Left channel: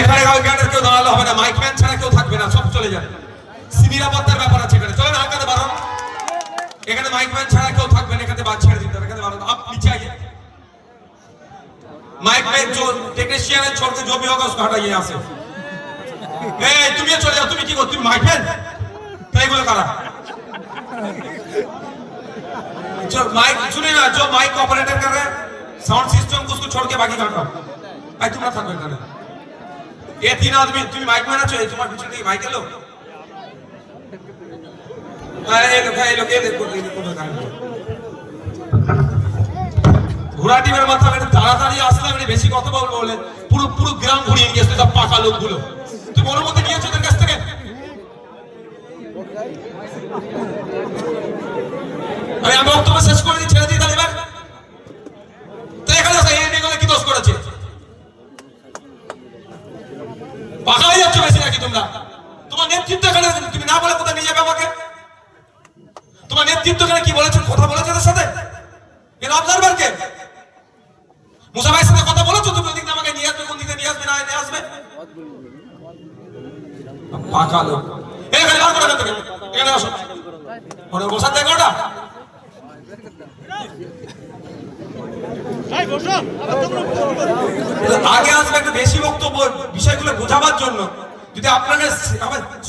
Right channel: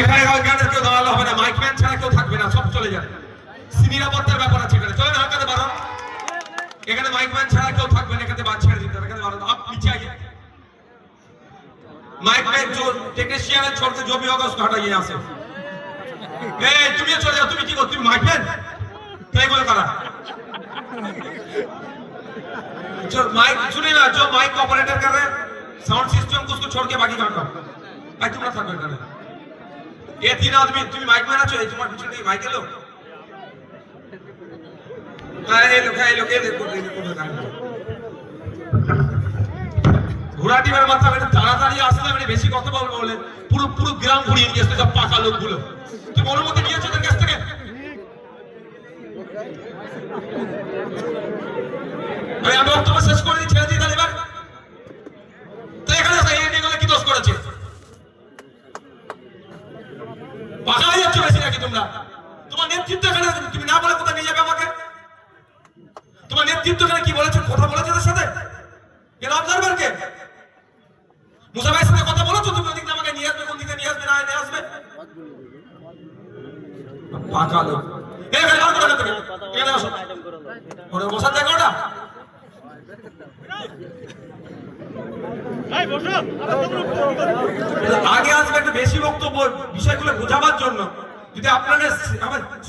এখানে কেউ দাঁড়ালে হবে না, মাইকম্যান ছাড়া কেউ থাকবে না, সব চলে যাবে। নিরাপত্তার ব্যাপার আছে এখানে, চলেন হালকাতে বাড়ান। এখানে মাইকম্যান ছাড়া কেউ থাকবে না, এখানে বাদ ছেড়ে দিতে হবে, এখানে বাড়ান। आप पीछे आइए, माइक में जो टेक्नीशियन है छोड़ के जो भी होगा उसको हटाइए यहाँ से। तुम ये चले जाओ, तुम की तुम माइकम्यान कई बोले करा जो माइक सुनिए ना, जो माइक ऑपरेटर कर रहे हैं साउंड सिस्टम को उसको छोड़ के बाकी काट दो। आई तुम ना থাকবে এখানে, ये तीन आदमी তুমি মাইকম্যান আছো, তোমার পিছনে কি মাইক এলো? আরে এই লোক দেখো ঘোড়া টিমের মাথা আমি তাড়াতাড়ি আসলে আমি বেশি কথা বলবো বলে পুরো পুরো গ্রাম ঘুরিয়ে নিয়ে এসে সব পাকা লোকগুলো তুই মনের মধ্যে নিয়েছো ওদের কাছ থেকে। আমি বক্তব্য শেষ করে দিই, ছেড়ে দিই তাহলে এবার। তো এখানে এই কি দোষ করেছে? পাকা হয়ে যাচ্ছ বেশি নাকি তোমরা? তোমার নেতৃত্ব এখানে তুমি না বলে কোথায় নিয়ে যাবে আমাকে? তোমার নেতৃত্ব এখানে কি বলেছো, কথা বলেছো ওদের সাথে? এর অবজারভার কে? মুসা ভাইয়ের সাথে কথা বলেছো তুমি? ওদিকে আমাকে নিয়ে আসবে, কোন দিকে নিয়ে আসবে না নিয়ে আসবে? পাকা লোক এখানে বার করে দেবে, এখানে আসো, ওরে বসাতে কোটা আগে আসবে একটু বেশি বক্তব্য বিষয়গুলো বোঝাবার জন্য। যদি আপনাকে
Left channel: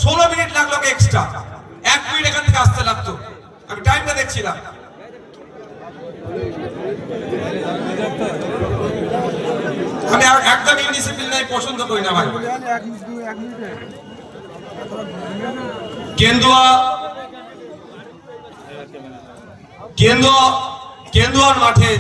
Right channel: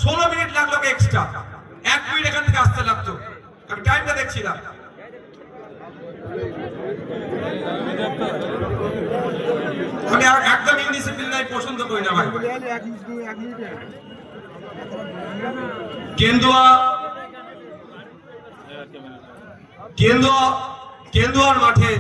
16 মিনিট লাগলো এক্সট্রা, 1 মিনিট এখান থেকে আসতে লাগতো, আমি টাইমটা দেখছিলাম। আমি একদম ইনডিসিপ্লিন পছন্দ করি না ভাই। কেন্দুয়ার মাঠে